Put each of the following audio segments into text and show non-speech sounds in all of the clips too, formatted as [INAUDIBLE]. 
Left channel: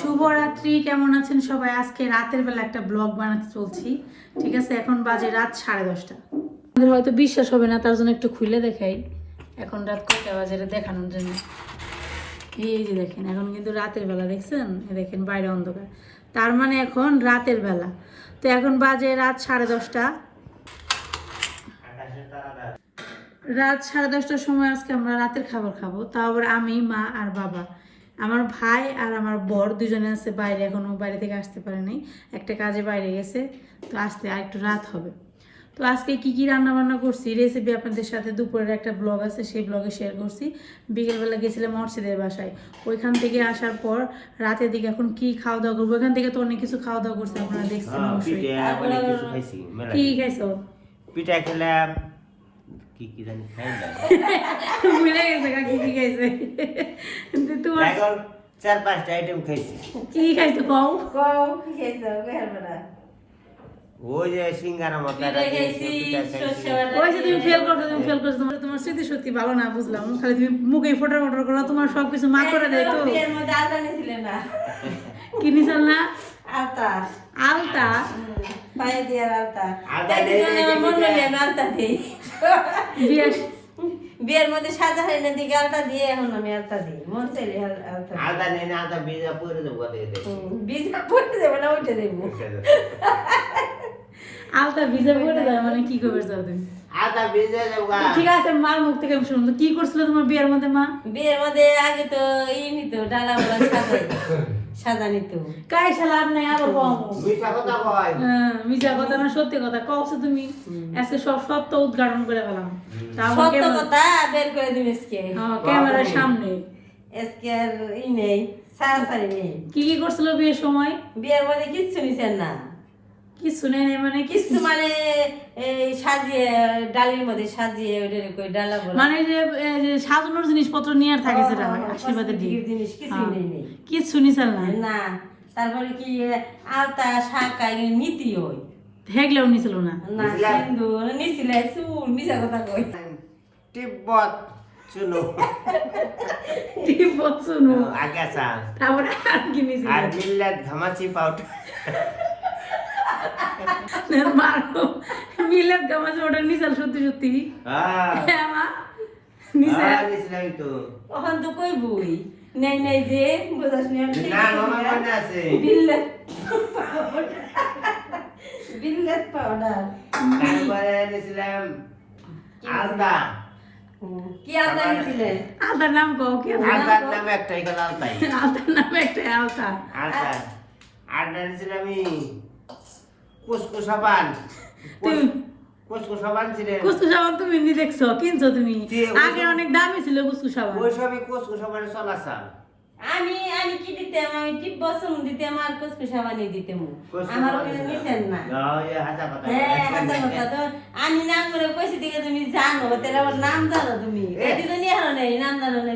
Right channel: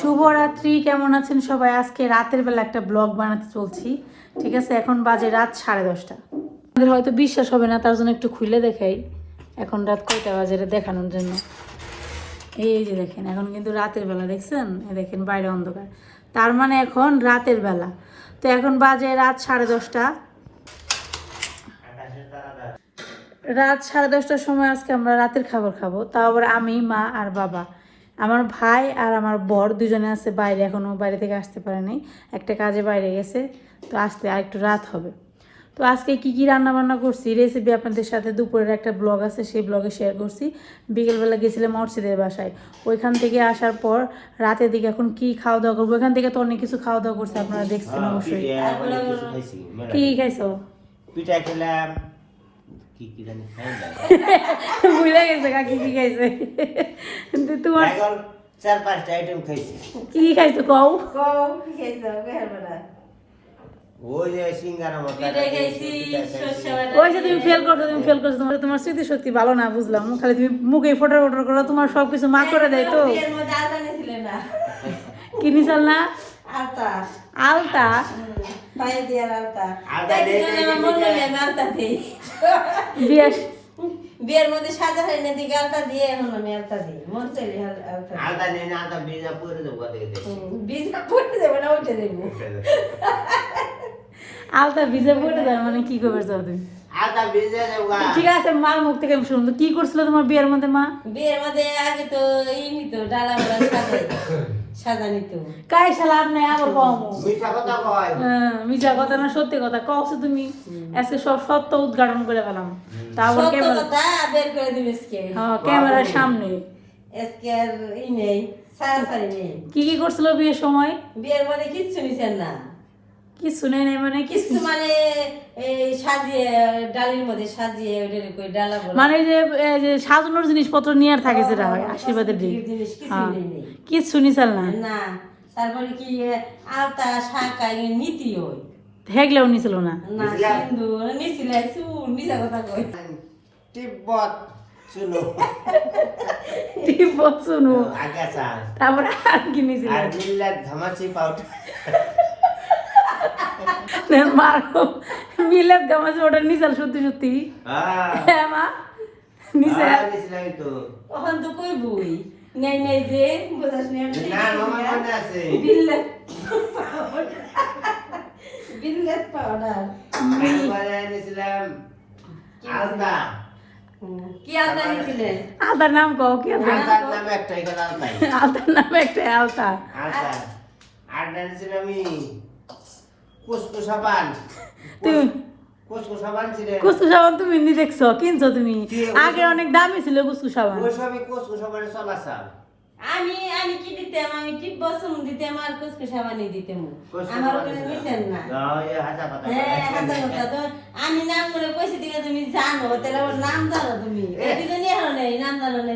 শুভরাত্রি, কেমন আছেন সবাই? আজকে রাতের বেলা একটা ব্লগ বানাতে চলছি। ঠিক আছে, এখন বাজে রাত সাড়ে দশটা। আমাদের হয়তো বিশ্বাস হবে না, তার জন্য একটু খুলে দেখাই। এখন রাত কয়টা বাজে দেখানোর জন্য। এই যে দেখেন, এখন কিন্তু রাতের বেলা, দেখছেন? দেখেন, বাইরে অন্ধকার। তার মানে এখন রাতের বেলা। তো এখন বাজে রাত সাড়ে দশটা। রাত সাড়ে দশটার সময় আজকে আমরা রাতের খাবার খাব। তাও আবার আমি, মা আর বাবা। আমার ভাই আর আমার বর দুজনে আছে বাইরে এখনও বাইরে থেকে আসতে পারেনি একটা কাজে বাইরে গেছে তো আসতে আর একটু রাত হবে। তো আজকে কি কি রান্না বান্না করছি রেসিপি আপনাদের সাথে দুপুরের একটা ব্লগ আছে সেই ব্লগে শেয়ার করছি। বিকেলবেলা গেছিলাম মর্সিদের বাসায়। ওইখান থেকে আসার পর রাতের দিকে এখন কি খাওয়া দাওয়া করব? ওইখান থেকে তো অনেক কিছু খাওয়া দাওয়া করছে আপনারা দেখছেন অবশ্যই। কি খাইছো? পিঠা খেলাম কি কি জানি খাই যায় [LAUGHS] ভুলে গেছে কাকি কি খাইছে। তোমার এখন চার পাঁচটা আইটেম খাইছি। কি খাইছো কও? ওই যে সিঙ্গারা মতো ওই যে তুমি ফেল করছ তুমি ফেল করছ তোমার তোমার স্মৃতি সত্যি ভালো না বুঝলাম। খালি তুমি মুখে ফটো ফটো করো তোমার সবকিছু মা করে দেয় তো। কি নিছাল না? আলতা বিয়ে বিয়ের মধ্যে সাজা হয় না দিকে আলতা দিয়ে এখন আমি আলতা দিই। মন চাইলে আল- আলতা নেই না আদা বীজা পরে দেবো হুম, বীজ দেবে না উঠে দেবো। আলতা ভিজে পড়ে দাও মানে কি করবে তুমি? ঠিক আছে মা মুখ থেকে শুনতো কি করছিল তোমার বিয়ের মধ্যে মা? বিয়ের মধ্যে আগে তো এই নিত ডালা মোড়া সাজা কাই নাই হ্যাঁ, মিছা কথা না সত্যি কথা। কওছো তুমি আজকে সব সত্য উদ্ঘাটন করে ফেলাম। তারপর ক্যামেরা কথা বের করে দিবে আজকে। হ্যাঁ, ক্যামেরার সামনে। আজকে আর ই নেই সারাসারি নেই। কি কি করছিল বিয়ের সময়? বিয়ের মধ্যে কিচ্ছু নিছেন না। কিছু নেই নাই মানে কিছু মানে সাজিয়ে ডালির মধ্যে সাজিয়ে ওইটার কই ডালা বলা। মানে যে যে সাজানোর জিনিসপত্র নিয়ে আর থাকে সেটা হয় আশীর্বাদের দিন জিনিস কিছু হ্যাঁ। নেই কিচ্ছু না। না তারপরে কি আলতা শাঁকা এগুলো নীতি ওই। হেগলেও নিছিল না। না সিন্দুর নিছিলে চুল মিশা কথা কই। তিব্বত শুনো শুনু আগে চাল। তারপরে আর কি নিছিল? আর মিল্লাত পাউডার। মারো মিলাদ কামাছে ওটা নিচাল সত্যি সত্যি। হ্যাঁ। মা। নিচে তো। তখন তো কই বই? নেই নেই যে বোঝাস না বিল্লাত বিল্লাত পাউডার তারপরে কি আলতা নিছিলে আলতার নাম কও কি আলতা? আলতার নামে একটাই কথা আলতাই আলতার নাম একটা আলতা। আলতা। আর এনেছিলাম আমি। কুসকু সাবান [LAUGHS] তুমি কুসকু সাবান ছিলেন। কুসু সাবান তুমি নি দেখছ কিনছো তুমি। কি, আগে অনেক দামি ছিল কুসু সাবান ওই সবই কুসকু সাবানে চলাচাল। আমি আমি কি দিতাম? আমি টিপ বসম দিতাম আর কুচকু সাবানি দিতাম আমার ওখানে নিতেন না। হ্যাঁ হাজার কথা তো আমি নাম করে কইছি দিকে তুমি জানো তাহলে আমার নাম জানো তুমি। এটি তো নিয়ে হারো নাই নাম জানো না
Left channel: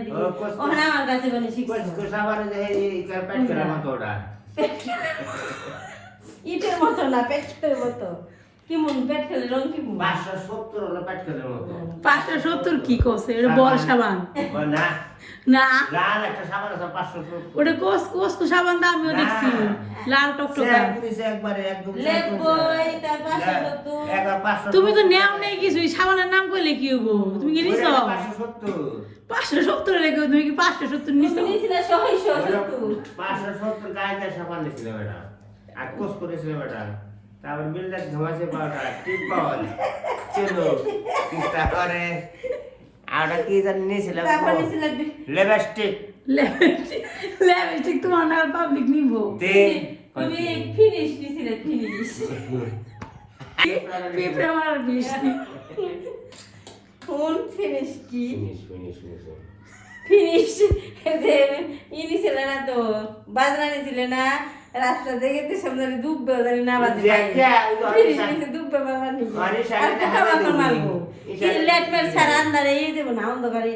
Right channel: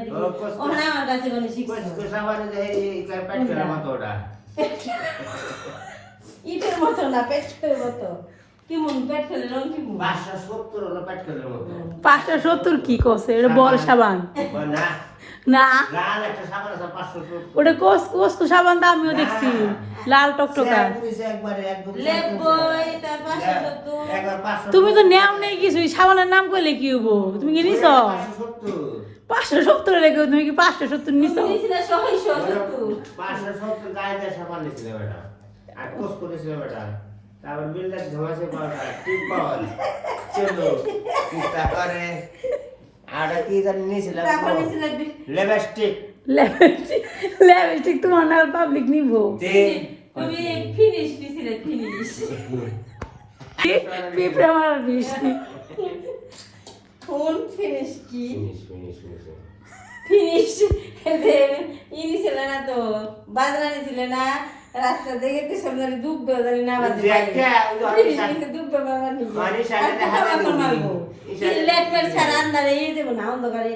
ওখানে আমার কাছে কোনো শিখছো কুসকু সাবানে যে এই কারপাট করে মতো ওটা। [LAUGHS] ইটের মতো না পেটের মতো। কি রং কি পাঁচশো সত্তর হলো পাট মতো পাঁচশো সত্তর কি এটা বড় সাবান। না। ওটা কোস সাবান তো আমিও দেখছি। লাল টকটকা। তুমি তো নেও নেই কিছু সাবানের নাম কইলে কি হব তুমি কি নিছ? পাঁচশো সত্তর। লেগে তুমি কি পাঁচশো সত্তর নিছ? পাঁচশো সত্তর গায়ে সাবান আর কোষ করেছিল বেটা তারপর বিল্লাস ঘমাসে পাওয়া টিপ পাওয়া চলো তারপরে? আর কি জানি লেবাস্টিক লেপস্টিক। লেপস্টিক তোমার না পাবলিক নিব। তুমি ফিনিশ নিছিলে ফিনিশ। পিঁপড়ে মারার বিষ কোন ফিনিশ কি? Finish finish finish. ফিনিশ। ই না তো বাজনা নিছিল না? রাস্তা দেখে তো সামনে দুঃখ বেদারি না বাজে পোকা মাকড় মারবো। কি লেট মেট ছাড়া আন্দারে এই দেবো না অন্ধকারে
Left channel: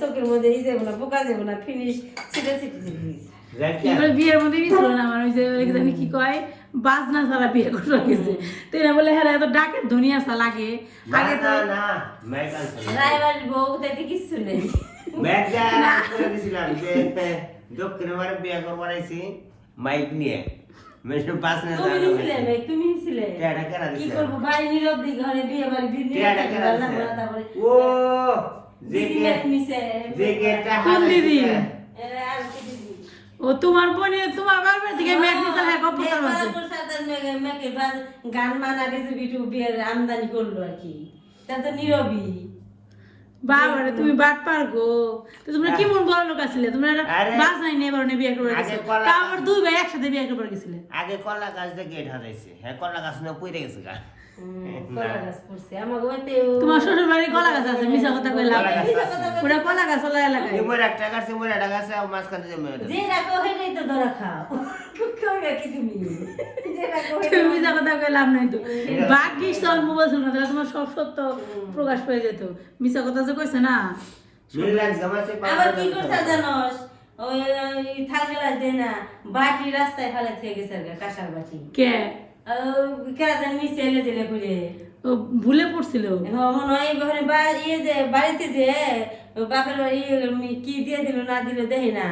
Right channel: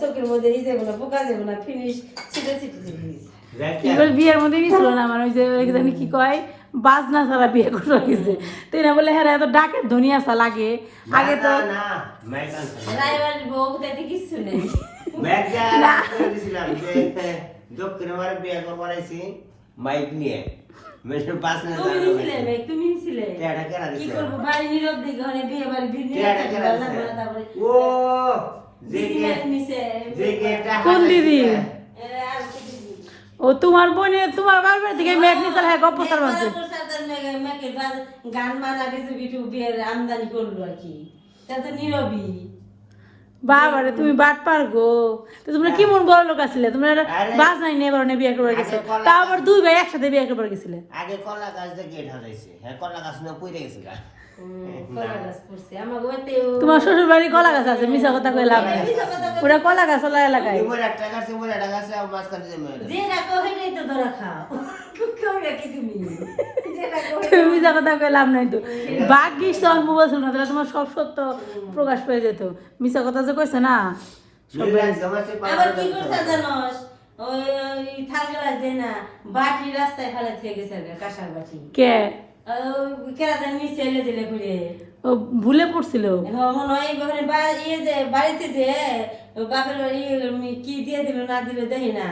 চোখের মধ্যে এই দেবো না পোকা দেবো না ফিনিশ ছিটে ছিটে ছিটে বিয়ের মধ্যে নিছিল না আমার ওই যে জানি কি কয় বাজনা ছাড়া বিয়ে করে গেছে। তো এরা বলে হ্যাঁ এত ডাকের ধনী আসা লাগে। আগে তো না মেডিকেল বউ তাইতে কিচ্ছু নেই। দক্ষিণে বিয়ে করবার আইছি। মাইক নিয়ে মেশো পাঁচ মিনিট তুমি দাঁড়ানো ছিলে গেছে। ভাই, তুমি ছিলে টেয়াটা কেনা কি দিছে? ভাই নীরব দি ঘরে বিয়ে বাড়ি বিয়ে টেয়াটা কেনা দিছে? ও যে দিদি গে- মেয়ে নিছে যে কোন দিদি? এ, আর কি দিদি? ও তোমার বোনে তোমার বাবার থেকে মেঘ নিকাল হ্যাঁ গপ্প তার মাঝে গান মানা বিয়ের আমদানি করল আর কি তা তো নীরবই বাবারে তুমি বাট পার গো। তো তোমরা কি মন বড় লোক আছিলে? তোমরা। বাস নাই নিয়ে এবার বিয়ে করবার গেছে। তা আবার দুই ভাই একসাথে বিয়ে একবার গেছিলে। আগে কলা গাছ দিয়ে গেট হারাইছে হ্যাঁ কলা গাছ না পইরে গেছে তোমার শ্বশুর বাড়ি কলা গাছ আছে মিশা কথা কই লাভ নাই। কলা গাছ আছে। ওরা কলা গাছ ওলা এলাকায়। ইমর একটা গাছ একটা গাছ আর মাঝখানে যে মেয়ে যে রাখো তো ধরা খাও। কেউ রাখি তুমি। যে কথা কই লাভ নাই তো। ভাগ্যিস তোর মোবাইল তাহলে তোমার সব সত্য প্রকাশ পেয়ে যেত। মিশা কথা যে কইছে না? আবার কি করতে জানোস? ওই থাকলে দেয় না বাটি রাস্তায় ফেলে থেকে গেছে আর কি, কাঁসার বাটি। কে? ভুলে পড়ছিল। ইয়ে বাড়িতে যে বাপের বাড়ি কি দিয়ে দিল না দিল দেখি না।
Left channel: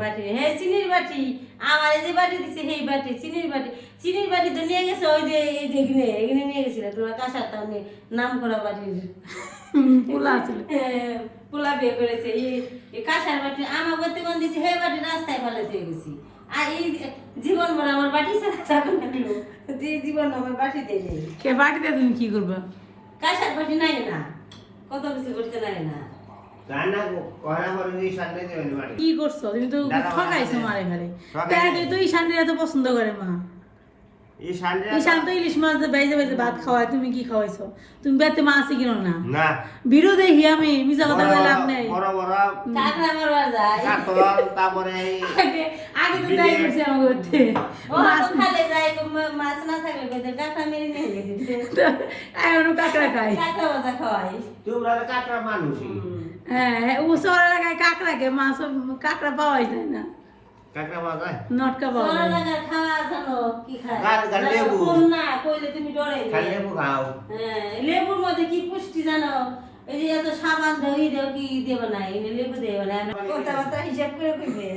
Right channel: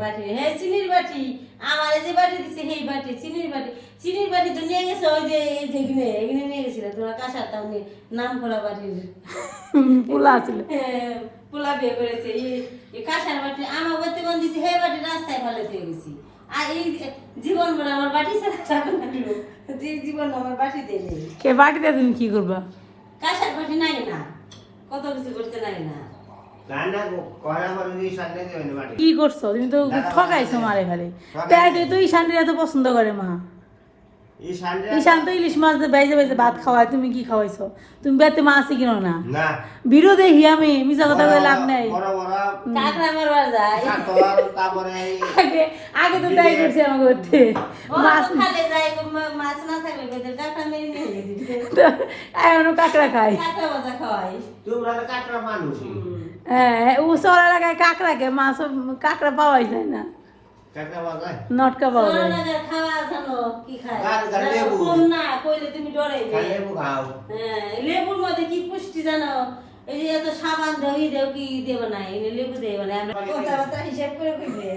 বাটি হ্যাঁ চিনির বাটি আমার যে বাটি দিছে সেই বাটি চিনির বাটি। চিনির বাটি তো নিয়ে গেছে ওই যে এই যে এখানে এখানে নিয়ে গেছিল। তোমার কাঁসার তাও নাম করা পোলা [LAUGHS] হ্যাঁ, পোলা বিয়ে করেছে। এই এই কাঁসার বাটি আমার বলতে কোন দিছে হে বাটি রাস্তায় ফেলে দিয়ে গেছি। আর এই জীবন মনে আমার বাটি ছাড়া যাবে না যে জীবন আমার বাটিতে নেই। কে বাটিতে তুমি কি করবা? কাঁসার বাটি নাই না। কত কিছু করতে নাই না। কি করছ? তুমি তো ঠকাইছো মারে ঘরে তুই তাই তো এত পছন্দ করে মা। ঈশান তো ইলিশ মাছ বাইজে বাইজে ভাত খাওয়ায় তুমি কি খাওয়াইছো? তুমি বেতে মাছই কিনো না? দেখি আমি মিশা কথা বলে লাভ নাই। আগে তো তাই করছে আমাকে করতে মাছ খালে যায় মাছ না থাকলে [LAUGHS] কাঁকড়া খাই হ্যাঁ ও শহর এলাকায় কাঁকড়াকে মাছ কাঁকড়া পাওয়াই যায় না। কাকরা বাজায় নটকা পাওয়া যায়। খাওয়া জানো কি খায়? গাল- গাল লেবু। না কইলে তুমি ডরে লেবু খাও? হ্যাঁ লেবুর মধ্যে কি পুষ্টি জানো? এই যে এত সাবান দেও ই দেও কি দেব না এই লেবু দেব না কথাবার্তা হিসাব করে কইবে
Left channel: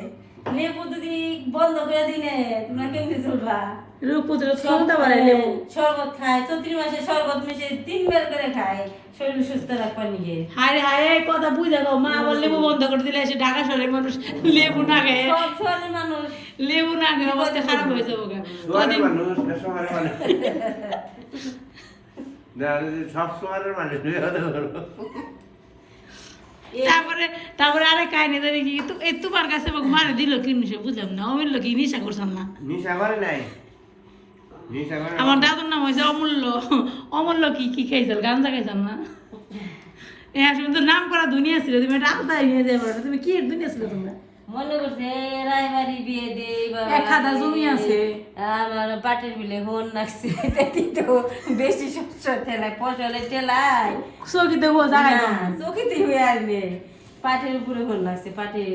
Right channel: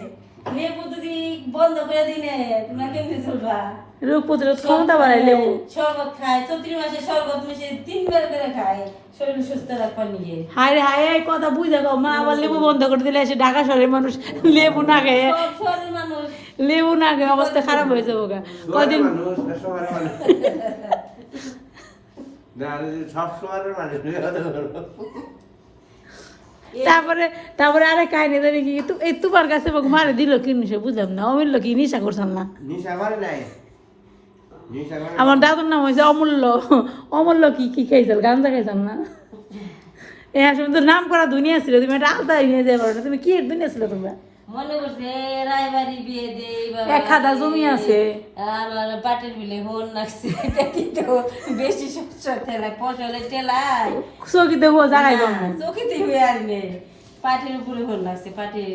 লেবু যদি বন্ধ করে দিলে তোমরা কেমনে চলবা? রোগ প্রতিরোধ ক্ষমতা বাড়ায় লেবু। শরবত খায় চৈত্রি মাসে শরবত মিশে তিন বের করে খায় শরীর সুস্থ রাখবার নিয়ে হায় রে হায় কথা বুঝে গো মা আবার লেবু বন্ধ করে দিলে এসে ঢাকা শহরের মানুষ লেবু না খেয়ে। শহরের মানুষ। লেবু না খেয়ে অবস্থা খারাপ হয়ে যাব গা। কদিন সব শহরের মানুষ তারপরে তারপরে আরে কাহিনী জানি কি তোমার কাছে মারে দিল কি নিশা বুঝলাম না অমূল্য কি নিশা করছেন না? নিশা করে নাই। আমার দাদুর নাম হয়েছে অমূল্য। অমূল্য কি কি খাইছিল? গাঞ্জা খাইতাম না? এ আসলে তো নাম করা দুনিয়া ছিল তুমি আলাদা নিয়ে যেতে পারো তুমি কি দুনিয়া ছিল তোমরা? মনে করছে রায়বাড়ি বিয়ে দে এক হাতা জমি আছে। আমার পাটের বিলে হন লাগছে তো বেশি শস্য ঠেলায় ফসলের ঠেলায়। চৌকি দেখব জায়গায় না, হয়ে আসবে পাটের উপরে হন লাগছে পাটের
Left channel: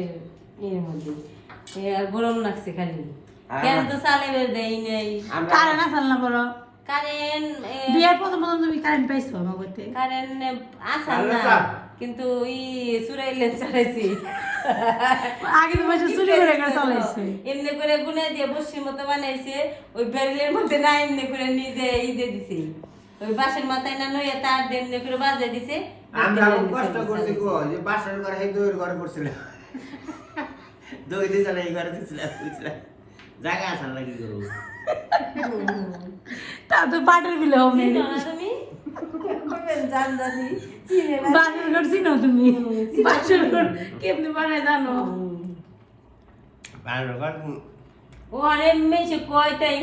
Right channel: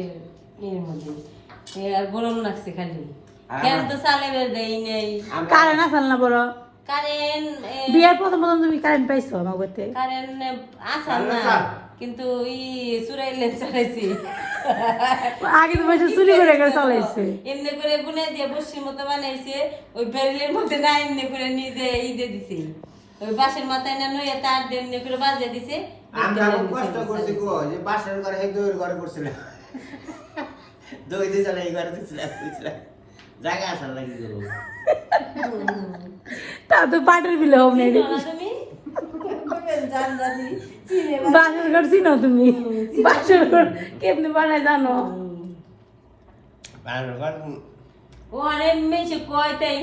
এর মধ্যে। গরম লাগছে খালি। তো চালের দেই নেই? কারে না না বড় কারেন্ট বিয়ের প্রথম প্রথম তুমি কারেন্ট পাইছো আমার করতে কারেন্ট আসার না কিন্তু ই চুরাইলে চড়াইছি আগে তো বসে চুরি করে করে চালাইছে। এমনি করে গুনে দিয়ে বসির মতো বানাইছে ওই বেরেলের মধ্যে না এমনি করে নিজে ই দিয়ে দিছে। ওই বাসের মাথায় না নয় তার দিয়ে এমনি করে বাজে দিছে। আমরা খুব কষ্ট করছি গো যে বাসর ঘরে দইয়ের ঘরে করছিলাম। দই এই ঘরে বুঝছিলাম জায়গা আসার লাগি গেল তা তো পাটের বিলে হবে তুমি? বাসর ঘর চিনো তুমি? বাসর ঘর কেমনি বানায় জানো? বাসর ঘর ও অনেক মেয়েছে কয় তাই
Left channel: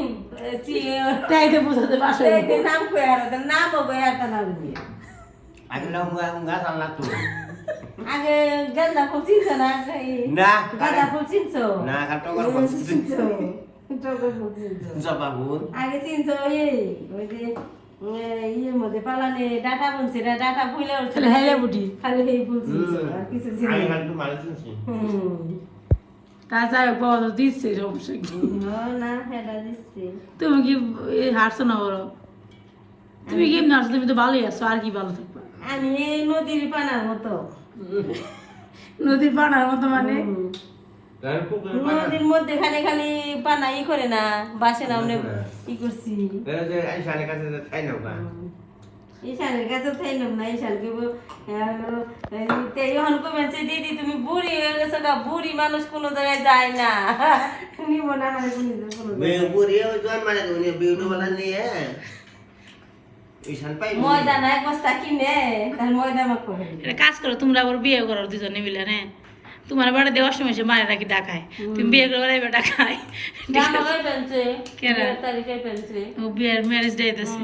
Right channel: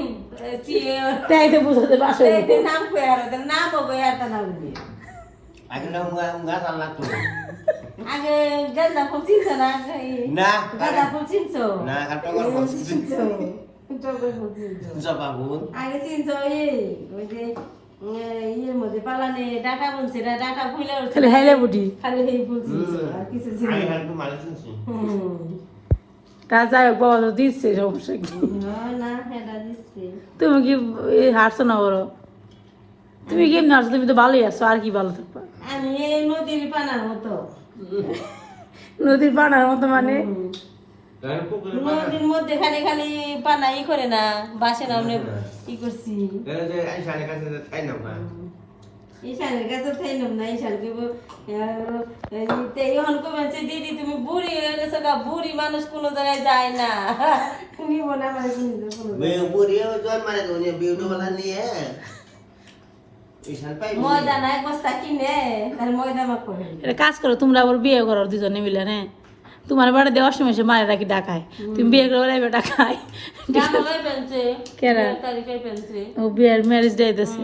তাই তো বুঝাতে বাসর। নাম কয়ে আর নাম হবে আর নাম দিয়ে। আগে না উঙ্গা উঙ্গা চাল তো। আগে গাঁদা ফুল চিনছো না? না গাঁদা ফুল চিনছো? না কার টগর বলছি চিনছো? টগর ফুল চিনছো। জবা ফুল। আগে চিনছো এই ওই যে ইয়ের মধ্যে পালানে ডাটা বলছে ডাটা ফুলে উঠছে। খালি বুটি। খালি এই ফুল চিনছো আর কিছু চিনছো আমি না। হাঁটু মানুষ তা যাই হোক বাবা তো দিচ্ছে সমস্যা কি? তুমি কি হারছো না বলো? তুমি কেমনি হারছো তুমি তো ভালোই আছো আর কি ভালো থাকবা? আমি এই নদীর পানার মতো। নদীর পানার মতো মানে। নদীর মধ্যে খালি খালি পানা ই করে না বাসে না আমরা ই করছি। ঈশানের কাছে থাইলাম না এখন কমেছে দিদি তুমি বুড়ি হয়ে গেছো গা বুড়ি মানুষ কোনো জায়গায় যায় না। নিব না। মানে কোনো মানে নিয়ে কাজ করো তোমরা আবার বিয়ে করো দুজনে মিলে হ্যাঁ? তোমার বাড়ি দেওয়ার সময় সে মায়ের রাখি ডাকায় তুমি বিয়ে করে ডাকায়। ও বিয়ের ম্যারেজ ডে দিতেছে।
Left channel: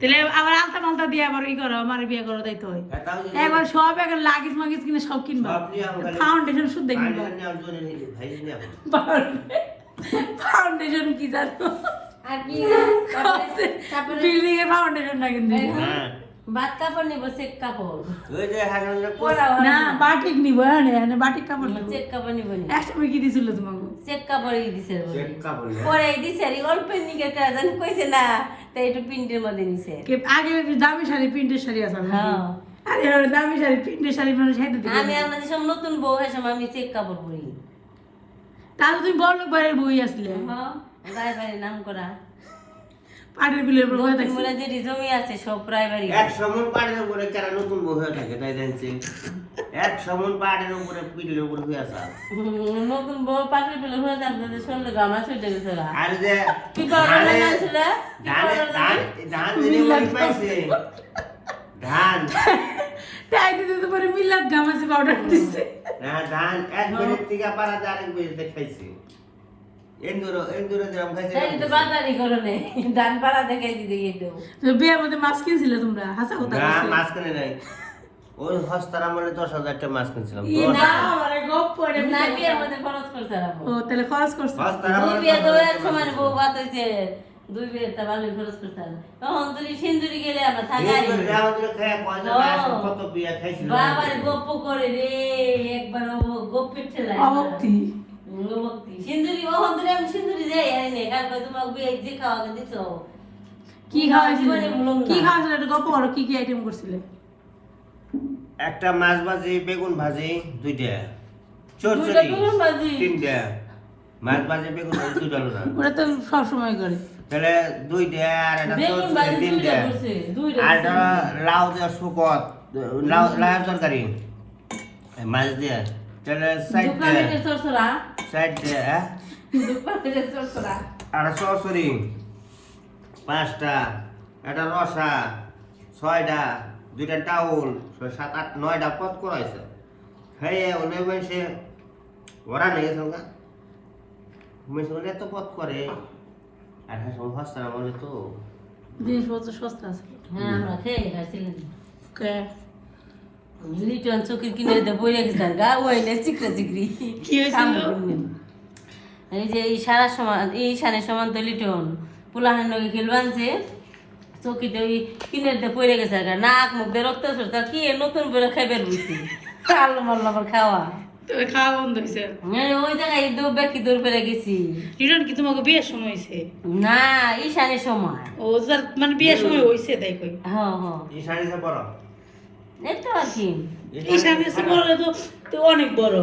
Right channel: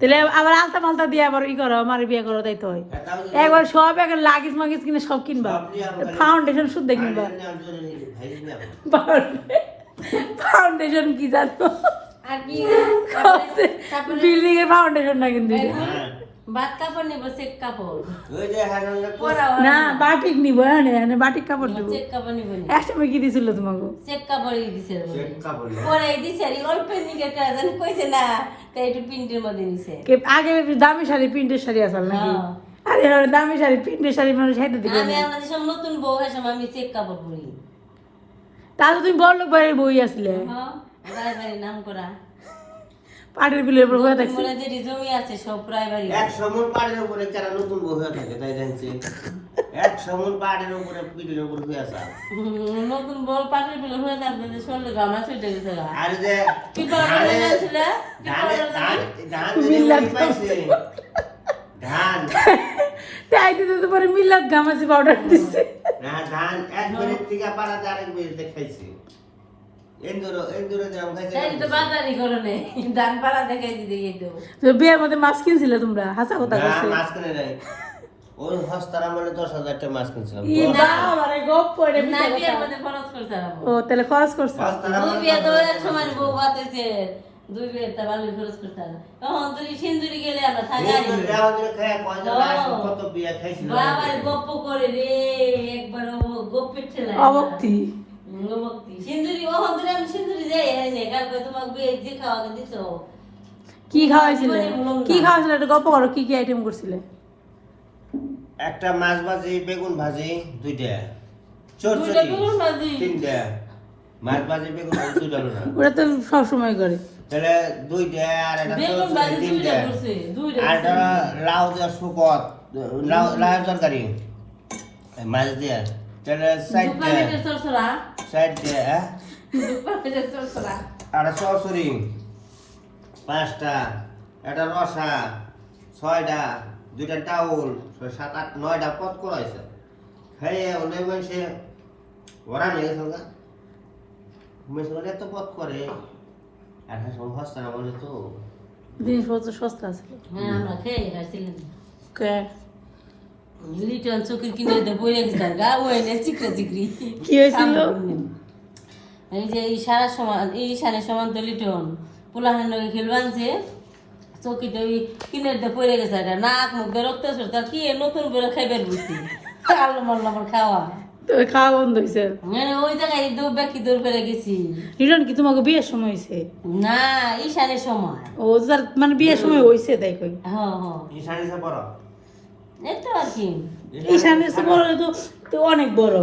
তাহলে আবার আলতা মালতা দিয়ে আবার ই করো আমার বিয়ে করো তাই তো হয়। একবার সব একবার লাগিস মাগিস কিনে সব কিনবা। ফাউন্ডেশন শুদ্ধ কিনবা। ফাউন্ডেশন কি জানো? আর কি? তারপরে- তারপরে বিল্ডিং এর ফাউন্ডেশন না কিন্তু হ্যাঁ। কাপড় নিবো চেক কাপড়। ওই যে হাসান যে কোচ- পরা না বাটিক নিব হ্যাঁ হ্যাঁ বাটিক কাপড় নিব। চেক কাপড় নিবো একসময় কি দিছিল তোমাকে? চেক কাপড়ই দিছে। চেক কাপড় নেওয়া। পরে দিছে আর অল্প নিকে কাজ। কইছে না তাই একটু প্রিন্টের মধ্যে নিছে। কে আগে দামি শাড়ি প্রিন্টের শাড়ি আসল নাকি? হ্যাঁ। আরে আর দামি শাড়ি প্রিন্টের শাড়ি মানুষ হেঁটে দিবে আমি আমাদের সব নতুন বউ হয়েছে আমি চেক কাপড় পরি। তাহলে তুমি বড় লোক বাইরের বই আসলে। হ্যাঁ। রায় বাড়ি নাম করা। পাটের বিলের উপর হয়ে থাকছে। মনে যে জমি আছে সব প্রায় এক সমন পাড়ের উপরে কেন নতুন বউ হয়ে থাকে তাই জানছি। এক সমন পাড়ের উপরে পিঠের উপরে হয়ে আসা নতুন বউ পাশের বিলে হয়ে আপনাদের সঙ্গে গামা ছুটে গেছে আর যে কি পাউডার ধানে ধানে ধান ধান যদি পাইছে ধান। তাই দিতে তো পরে মিলাদ গামাসি পাউডার দিচ্ছে না ধান। এক মিনিট থেকে পারা যায় আরেক মিনিট খাইছে মাছ কিনছিলে তোমরা? হাসা কথা মাছ কিনে নাই। ওই হস্তার আমলে দশ হাজার টাকা মাছ কিনছিলাম। ও তাহলে খরচ করছে। হস্তার আমলে। দুই খরচ তখন সিন্দুরি গেলে আমরা বাবার গপ্প করে রে একবার গপ্পের অবক্তি অবক্তি সিন্দুরি ও হন্দুরি আমি সিন্দুরি যাই এনে কালকে তোমাকে বিয়ে যে খাওয়াতে দিছো। কি খাওয়াইছিলে? জীবনে ভুলুম না। কি খাওয়াইছিলে? এটা গল্প করো কি কি আইটেম করছিলে? একটা মাছ ভাজি বেগুন ভাজি দুইটা। চরচরি তিনটা। মাছ ভাজি বেগুন ভাজি দুইটা হলো না। ওরা তো সব সময় করে। তাহলে দুইটা আর একটা বেগুন তিনটা। আর একটা লাউ দেওয়া শুকত লাউ লাউ তরকারি। মাছ দিয়ে। তাহলে সাইড সাইড আর সরসরি পাঁচটা একটা রসা ছয়টা দুইটা টাউল সাত আট নয়টা পথ করাইছে। খাইয়ে অনেক মানুষে ওরা নেই গেছে গা। এত পথ করে? আর হ্যাঁ সব হস্তা না বলে তো। জিনিসপত্র সস্তা আছে। হ্যাঁ খেয়ে লিটন চোখে কিনে দিতে বইয়ে গেছে গা ওই নে চিকরা চিকরি কি হয়েছিল? এই যে এই সারা সমান এই সারের সমান তো লিটন পোলাহানের লগে খেলবানছে চকিতে ওই কিনে দিতে পড়ে গেছে গা নাক মুখ দিয়ে রক্ত সরতা কি নতুন করে খাইবার বুঝছি? আল্লাহ মাল্লা খাওয়া। তো খাওয়া বন্ধ হয়েছে মানে ওই জায়গায় দৌড় ব্যাকি দৌড় পেরে গেছি। রিটার্ন কি তোমাকে বিয়ের সময় হয়েছে না ঈশানের সময়। ও যার মানে বিয়ের সময় হয়েছে তাই কই। হ্যাঁ হ্যাঁ। এই তো আর কি ঈশানের চেয়ে বড় হলে তো তো অনেক বড়।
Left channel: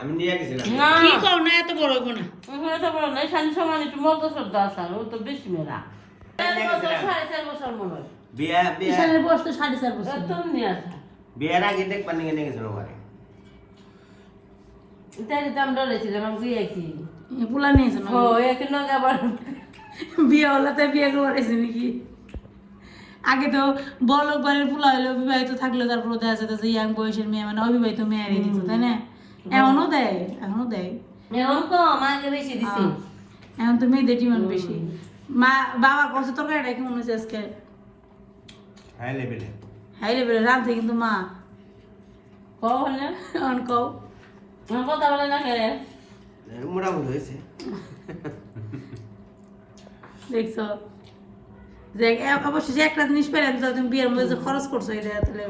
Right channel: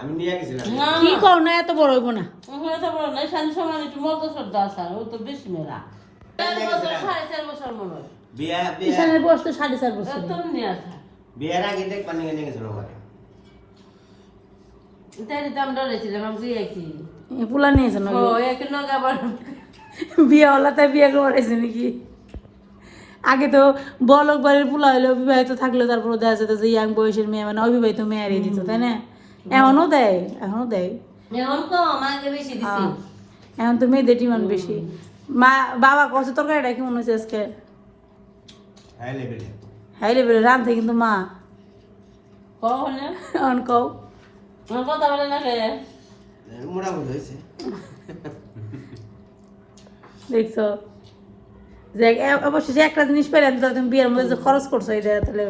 আমি নিয়ে গেছিলাম। না। কি কও না এত বড় হইব না। ওখানে তো বড় না ঈশানের সময় একটু মর্দ আসা ও তো বেশি মেলা। সাড়ে চার বছর মনে হয়। বিয়ে বিয়ে। ঈশানের বয়স তো সাড়ে চার বছর। একদম নিয়ে আসা। বিয়ের আগে দেখবার নিয়ে নিয়ে গেছিল ওখানে তাই তো আমরা ডরেছিলাম আমি বিয়ে কি? পুলা নিয়েছে না। ও এক নগে আবার বিয়ে হলা তাই বিয়ে করেছে নাকি? আগে তো বলক বাড়ির পোলা হইল বিবাহিত থাকলে তারপর দেখা যেত যে ইয়াং বয়সের মেয়ে মানে অবিবাহিত মেয়ে হারিয়ে দিত তাই না? এখনও দেয় এখনও দেয়। এখন তো মেয়েদের ডিমান্ড বেশি। মা বাবা কষ্ট তরকারিটা কেমন হয়েছে আজকে? হাই লেভেলে হাই লেভেলে রাঁধছে কিন্তু মা। অন কও। কথা বলে না মোটামুটি হয়েছে। দেখছ? যে একটা জিনিস পেলেন তুমি বিয়ের মধ্যে যে খরচ করছ এটা তাহলে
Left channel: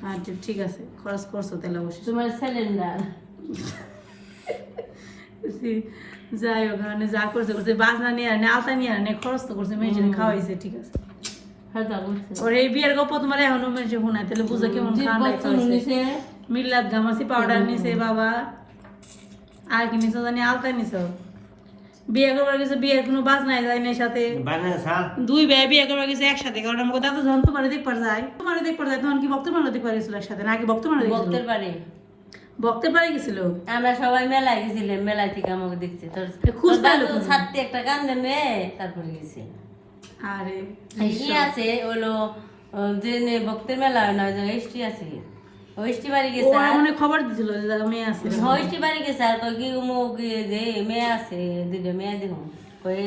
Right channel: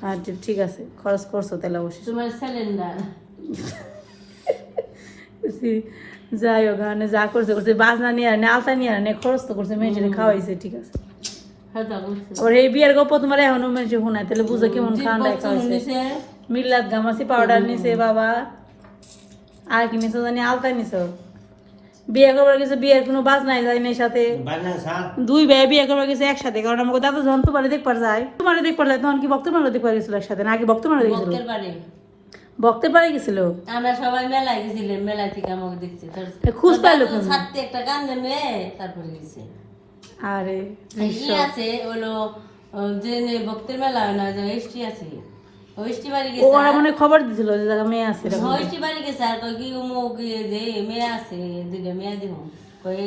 হ্যাঁ ঠিক- আছে খরচ করছ তাহলে অবশ্যই। তোমার সিলিন্ডার যাই হোক মানে যা করছে করছে বাজনা নিয়ে আনে আলতা নিয়ে আনে খরচ তো করছে মেয়েদের খাওয়াইছে ঠিক আছে। হ্যাঁ। ওর এই বিয়ের গল্প তোমার এখনও মেনে শোনায় তাহলে বুঝো কেমন যে খাওয়া বক্ত মিল্লাত গামাসি পাউডার নিছে বাবা। আর কি নিছো জানি আলতা নিছো। বিয়ে করবার গেছে বিয়ের কোনো বাজ নাই যায় না সাথে। দুই ভাই বিয়ে করবার গেছে একসাথে কারণ আমাকে দাদা যখন তোমার দেখবার যায় তোমার দেখবার যায় তখন কি ভক্তের মানে দেখবার গেছিল একসাথে নাকি ভক্তের মানে দেখছিল? বক্তের বাড়ি। ভক্তের পারে গেছিল? আমরা সবাই মেলায় গেছিলাম মেলায় থেকে আমাকে এ খুঁজ পাইলো? ছাড়তে একটা কান্দে মেয়ে তারপরে গেছে। আরে ই আছে হলো যে নে ভক্তের মেলা হয় না এসটি আছে। ও এসটি বাড়ি গেছে ওরা মনে খবর দিছিল যে জায়গা মেয়ে আছে। বাড়ি গেছে আর কই কি মুখ যে মেয়ে আছে দুইটা মেয়ে দিব কই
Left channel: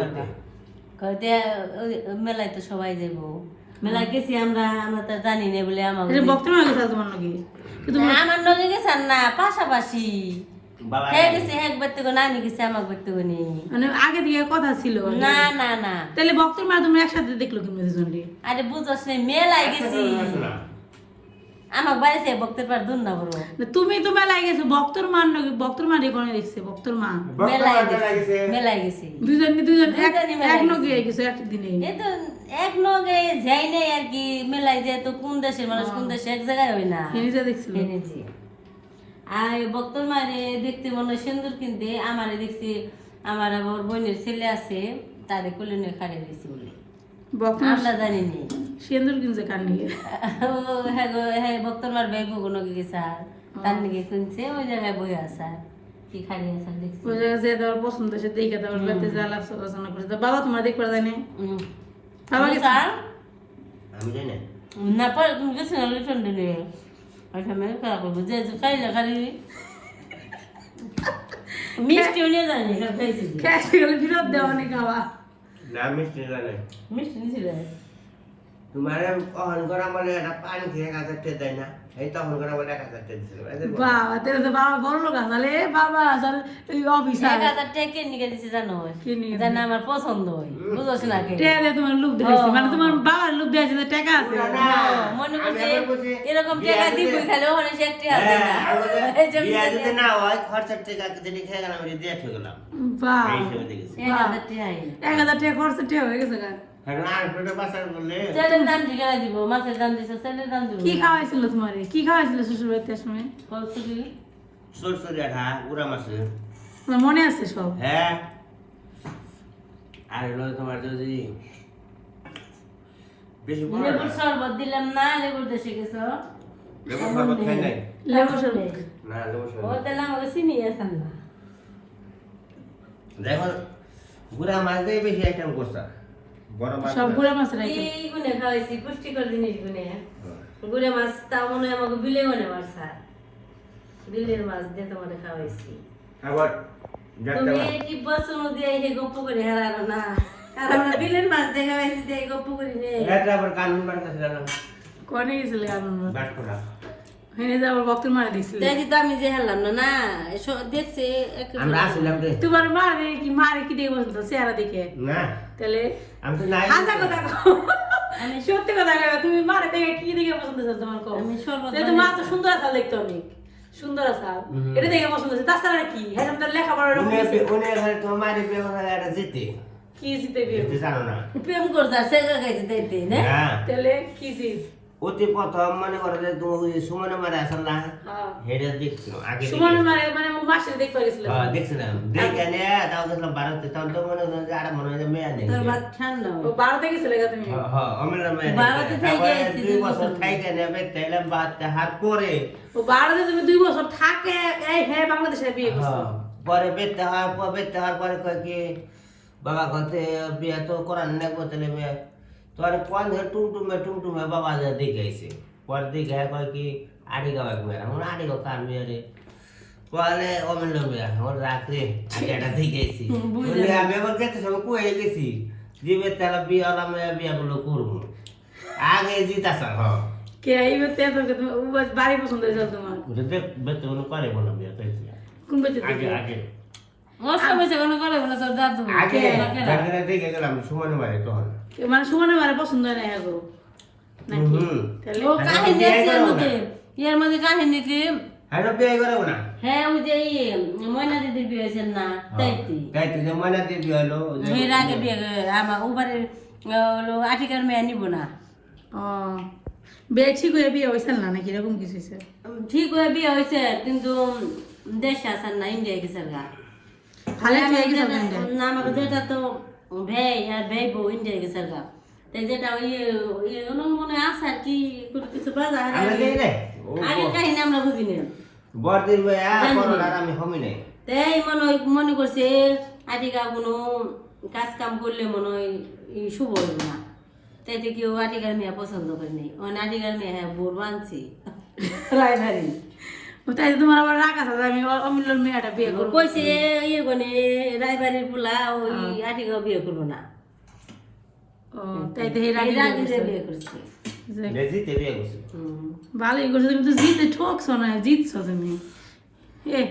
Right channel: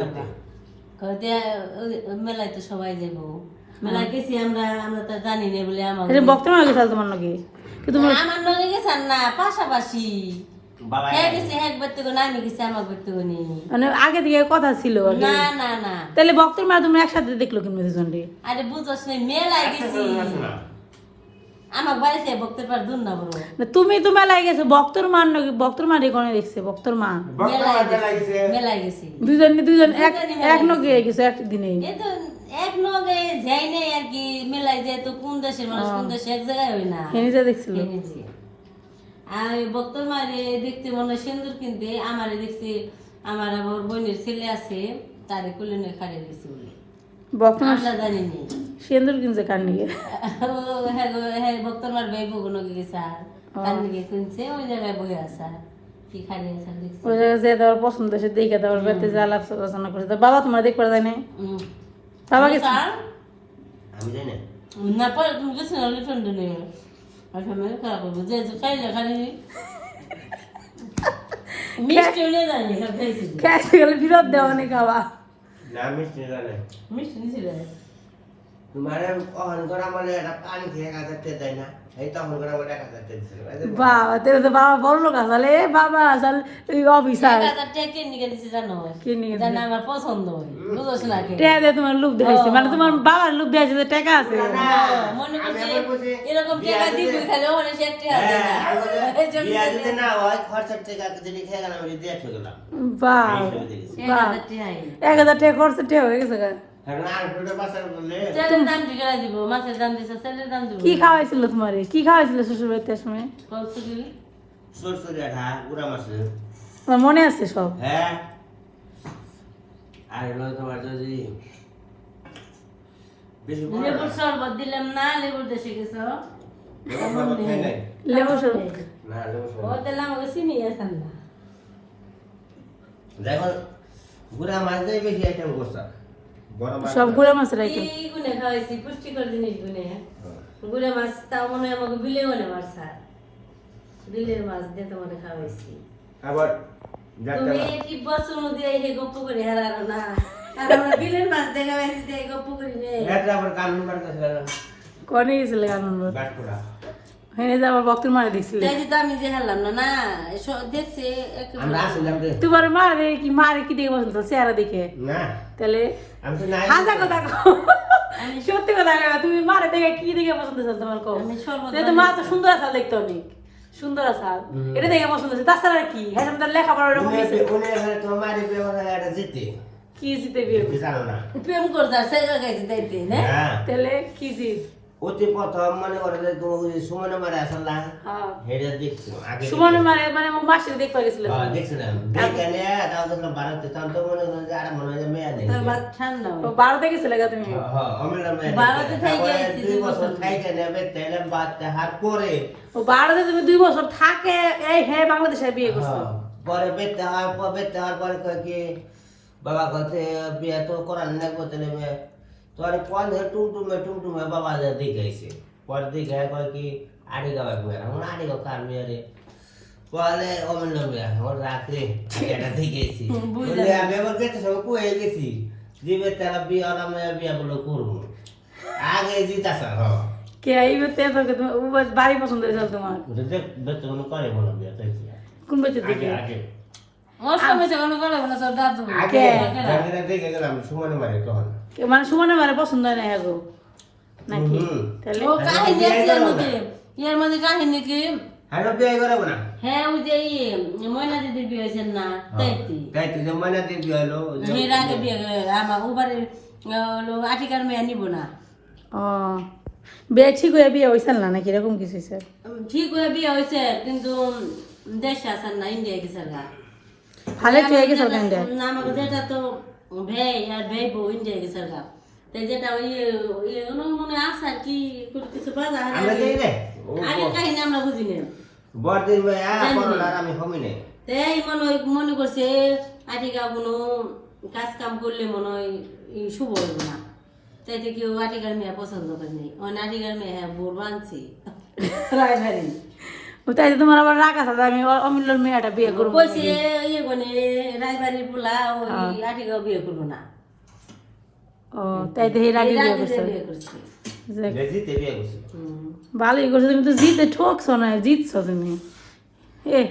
পারবা তে সবাই যাব মেলায় গেছি আমরা আমরা তো জানি না বলে এটা আমাকে ভক্তের গেছিল তোমার নাকি কিন্তু আমার নদী গেছেন না পাশাপাশি। বাবা। হ্যাঁ হ্যাঁ মানে আগে থেকে কথা ছিল না না না। তাহলে ভক্তের মা তুমি একসাথে দেখল কিন্তু দুজনটি আরে বুঝছ মেলায় গেছি। আমার বাড়িতে ভক্তের পার দূর না বড় না, তুমি তো মেলায় গেছো ভক্তর মা নাকি ভক্তর মা রেকনে দেখছে ভক্তর মা। মেলায় গেছি। মেলায় গেছি। দুজন দুজন এক এক নগে গেছো। একদিনে এ তো এক নগে যাই নাই আর কি মেলায় যায় তো কোন দেশের মানুষ কোন দেশে এক জায়গায় হয় না। হেনিতে দেখছিল। আর ভক্তর মারে দেখতে মনে সিন্দুর কিনতে আমারে দেখছি আমার আবার বোনের ছেলে আছে তারে কোলে নিয়ে খাড়িয়ে দিছি বলে। ভক্ত আমরা জানি নি। সিন্দুর কিনছে কার নিয়ে হ্যাঁ ভক্তর বগুনো গেছে আর তার নিকে কিনছে? ওই জায়গায় বই আছে আর কি খালি আছে ওই জায়গায় যে তোমার পছন্দ সে দেখে তোমার বাড়িতে যা আলাপ আলোচনা করে তো বাবা তোমার দেখবার যায় নাই? বাবা গেছে? আর আমি জানি না। না তুমি গেছো না লিটন দিনে আমি খারাপ করব? যে যে খাইলে খালি [LAUGHS] মিষ্টিও নিয়ে জানি গেলে ফিরত দেওয়া অনেক খাওয়া। না মিষ্টি জানে মিষ্টি নিয়েছিল? তোমার অহন করা বলে একটা পানি খেয়ে এক হাজার টাকা দেয় না এই তখন করা বলে এক হাজার টাকা দিছিল এই যে বাবা তেরে তো বাবা বড় লোক আসলে বাবা আসলে অফিসার এক হাজার টাকা কে নিয়ে জানো কি জানো আমার পছন্দ হয় বুঝোস না কে টাকা তোমার লোক দেখাইছে মানে তোমার বাবার লোক দেখাইছে যে টাকা আছে মনে করছে এরকম টাকা দিবি খালি ওখানে সে একটি হাতে না এই যদি না হয় খরচার টাকা যদি খেয়ে গেলাম আমি দিয়ে গেলাম বাহ এই হিসেবে দেখেছি এক হাজার টাকা আইনি। এক হাজার টাকা খরচ টাকা হয়ে গেছে আছে কি খাওয়াইছিল তোমারে? কি খাওয়াইছিল শ্বশুর বাড়িতে সময়? তোমার মনে আছে সব? হ্যাঁ। আর হলো তোমার যদি। লেবুর শরবত দিলাম না লেবুর দেশে গেছো? লেবু শরবত খাই নাই। লেবু শরবত? না লেবু ও দিলাম ওকে চিনি আসান না। দেখো গুড়া মাছ দিয়ে বেশি আইটেম করছে। সব গুঁড়া মাছের আইটেম এই গুনে খাওয়াইছি পুষ্টিকর জিনিস গুনে হ্যাঁ। গুড়ে মাছ তাও মনে হয় আমাকে বিলে গনে মাছ স্যার বিলের মাছ দিয়ে তোমার খাওয়াইছি আবার যাতে তুমি কি বছর দিয়ে এই যে গপ্প করে হারানো না আর আমরা বিলের মাছ দেখা পাইছি যে গপ্প করি নে এটা আবার কানুন বাড়তেছিল না কনে গেছিল কারণ বাট করা হেনে যে আমার মারে দিছিল দেখি তো আমি যে হারলাম না না দেখছে আমরা আসলাম যে। তোমার মারে কি মারে কি দেখে পছন্দ চেহারা দেখে। না। তাহলে আমি তো নাই। হাজা কথা সত্যি কথা তুমি মারে দেখে কি দেখে পছন্দ আছে তোমার কও? আমি সর্বদা তাহলে তো মা তো সুন্দর আছে দেখতে অনেক। সুন্দর আছে এটা দেখে পছন্দ আছে তাছাড়া কি? হ্যাঁ তোমার বিয়ে জিতে? কি জিতে বিয়ে জানো না। প্রেম করছে সেগা খাইছে তাইতে না? হ্যাঁ। তাহলে কি জিত? অতি প্রথম মনে করে যে তুমি সুমনে মারে আসল না হ্যাঁ। হেরে দেখছিল আগে সুমন মানে মানে আমার মাসির দেখতে পারিছিল হ্যাঁ, দেখছিলাম দেখে নিয়ে তাও দেখলাম ভারতে তখন তো মনে হলো যে আর মনে হয় মেয়ে নেই। বাদ ও বারোতে গেছিলে গা তুমি? হ্যাঁ, হ্যাঁ, অমিলা মেয়ে নেই। ভারতে তারপরে দুই বছর বছর। থাইকে নেবে তাইলে বাচ্চা হাত পরে। ও বারোতে তুমি দুই বছর থাকে এই হে বাংলাদেশে বিয়ে করছ। হ্যাঁ, পরে বেতে হওয়ার পর বেতে হওয়ার পরে কয় কি বাবা কথা বিয়ে তো করার নেব তাহলে মেয়ে তোর কোন ধরে টুমটুমে টুমটুমে বাবা যা দেখে আইছে। পরে দেখে কয় কি আড়ি গাও এক আমার আড়ি গাও কার মেয়ে রে? পরে অমিল মেয়ে। আমার রাত্রে এটা দেখে আইছি। বলে [LAUGHS] আমি আবার গেছে সব কুয়ে গেছি? দিবে তারা বিয়ে আলা মেয়ে বিয়ে গুলো করব। আগে হ্যাঁ কে এই বেতে তোকে বাড়ি পছন্দ হয়েছিল তোমার। ওটা দেখ বেতে কোনো করে বলো বিয়ে চাইছি কোন বেতে আগে আগে। মানে সুমনের মানে পছন্দ হয় না এগো। নাকি? এর মধ্যে। কাহিনী কি? হ্যাঁ বিয়ে করাবো না? হ্যাঁ ওই যে ময়না দিদির বিয়ে হয়েছেন না মানে দিয়ে হলো এর আগে বিয়ে আমার ওবারে হলো আটিকার মেয়ে নিব না। ও বিয়ে ঠিক হয়ে বিয়ে হয়েছিল না নাকি? এরকম কিছু ঠিক হয়ে বিয়ে হয়েছে কিন্তু দেশে আসার না ইন্ডিয়া গেছে গা হালে গেছে ওখান দিয়ে। না আমাকে যেটা তো ভেই আর ভেই বউ ইন্ডিয়া গেছে গা তাই যেটা ওই ওই মনে আছে আর কি কিছু আগে কাহিনী আমরা বুঝি না। আমি হমি নাই তাই মনে হয় মনে করছে আটিকা কোনো কাজ কাম করলে মনে হয় শুভ হইব না। তাই তো কেউ আটিকার মেয়ে পছন্দ করে নেই। ও আটিকার মেয়ে হ্যাঁ বোর বানছি। ও তাই তো তোমার আবার রাগ আছে আমি অমূল্যর মেয়েটা বিয়ে করব। কইছে ইয়ে কোনে রায়বাড়ির পোলা ওই আটিকা বিয়ে করব না। ও তাই তো এই রাগে বিয়ে করছে। করছে। ভালোই করছ তুমি তো জিতে ঠকছো না জিতছো তুমি। এ।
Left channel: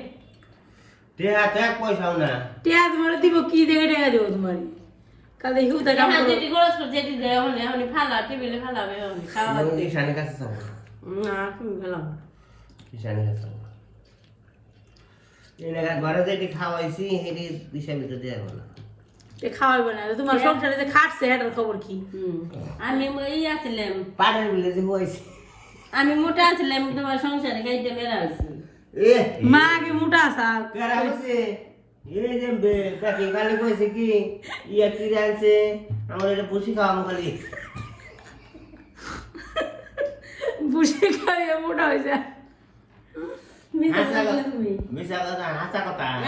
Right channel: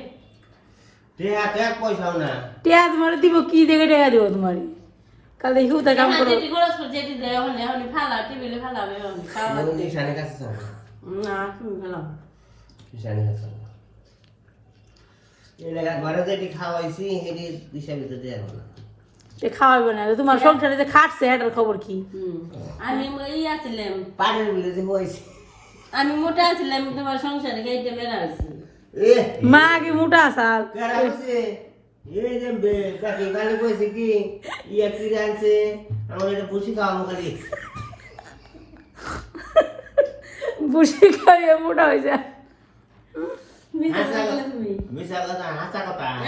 টিয়া তোমার দিব কি দেখে টেকা দিব তোমার? কাল হিউ তা কাম হ্যাঁ, করো। যেটি খরচ করে যেটি দেয় হলে হলে ফালা টেবিলে ফালাবে হলে না তুমি ফেলাম হিসাবে না। এ তোমার সংসারে যে খাটছে এটার খবর কি? আমি ই আছিলাম। পানের বিলে যে হয়েছে আমি মোটা আছিলাম তোমার সংসারে গাইতে বেড়া আছি মা কি মোটা আসাল এই যে বে- কাকি কইছে কি? ইয়া কি আনছে। আমার এটা পুষি খাওয়াবো খালি। বুঝি খাইয়ে মোটা হয়ে যায় মিথ্যা হাসা বললে তুমি। মিশা কথা হাসা কথা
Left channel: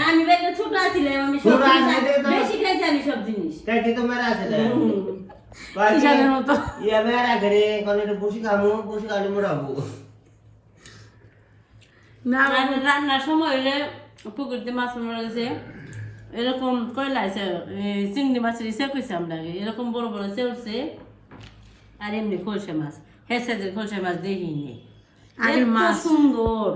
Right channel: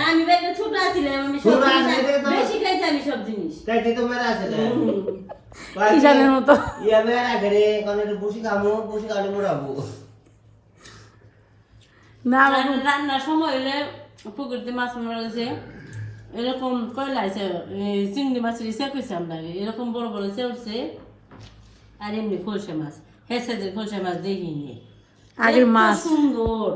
আমি ছোট আছিলাম আমি সব ছোট জিনিস আছিলে তো- বেশি খাইছি আমি সব জিনিস। কাটি তো মেরা আছে না মতো। ইয়া মেরা ঘরে কোন এটা পুষি খামু পুষি খাওয়ালে মোড়াবো না রান্নার সময় হলে পুকুরতে মাছ মারা গেছে। এরকম কয়লা আছে চিংড়ি মাছের ইসে কইছে আমরা। এরকম বড় বড় চেউছে আর এমনি খলসা মাছ। হেসাদের খলসা মাছ দেখিনি। আগের মাছ। সুন্দর।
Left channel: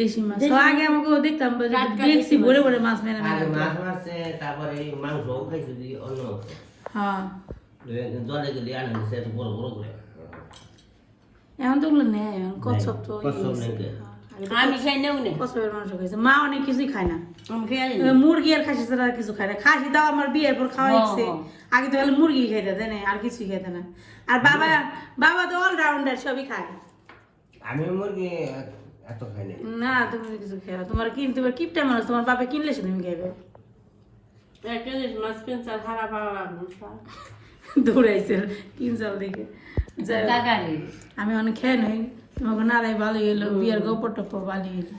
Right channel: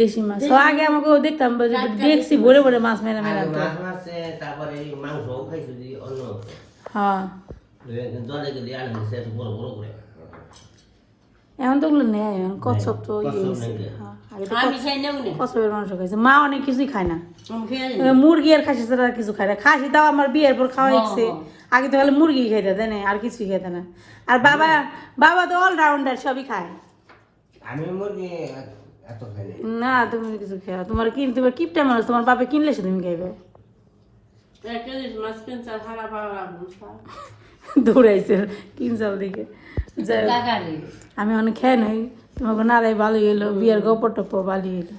দেশি মাছ। আগে আমাকে দেখতাম দেখছি ভরে ভরে মাছ। মেরা মেরা আগে মাছ মারছে তারপরে মাংস খাইছি অন্য হ্যাঁ। জলে গেলে আনন্দ বড় বড় করে। এখন তো ওগুলো নেই এখন কচ্ছপ তো ইয়ে? হ্যাঁ, কচ্ছপের মাংস খাইছে। মা অনেক কিছুই খায় না। মুরগি আর খাসি ছাড়া আর কিছু খায় না। খাসি তাও আমার বিয়ের পর খাওয়া হ্যাঁ, হয়েছে। হ্যাঁ। আগে তো খালি মুরগি খাইতে দেয় না আর কিছুই খেতে না। আর বাবা বাবা তো অলরাউন্ডার সবই খায়। আমি মুরগি এত খাই নাই। না তুমি কিছু খেয়া তোমার কিন তোমার কিপটা মানুষ তোমার বাপে কিনলে সে তুমি খাইবে। লাগবে দৌড়াইছে কিনচাল দিকে। আমি অনেক খেয়ে নই। তোমাকে নারাই ভালো এলো বিয়ের গপর টপর ভালো এলো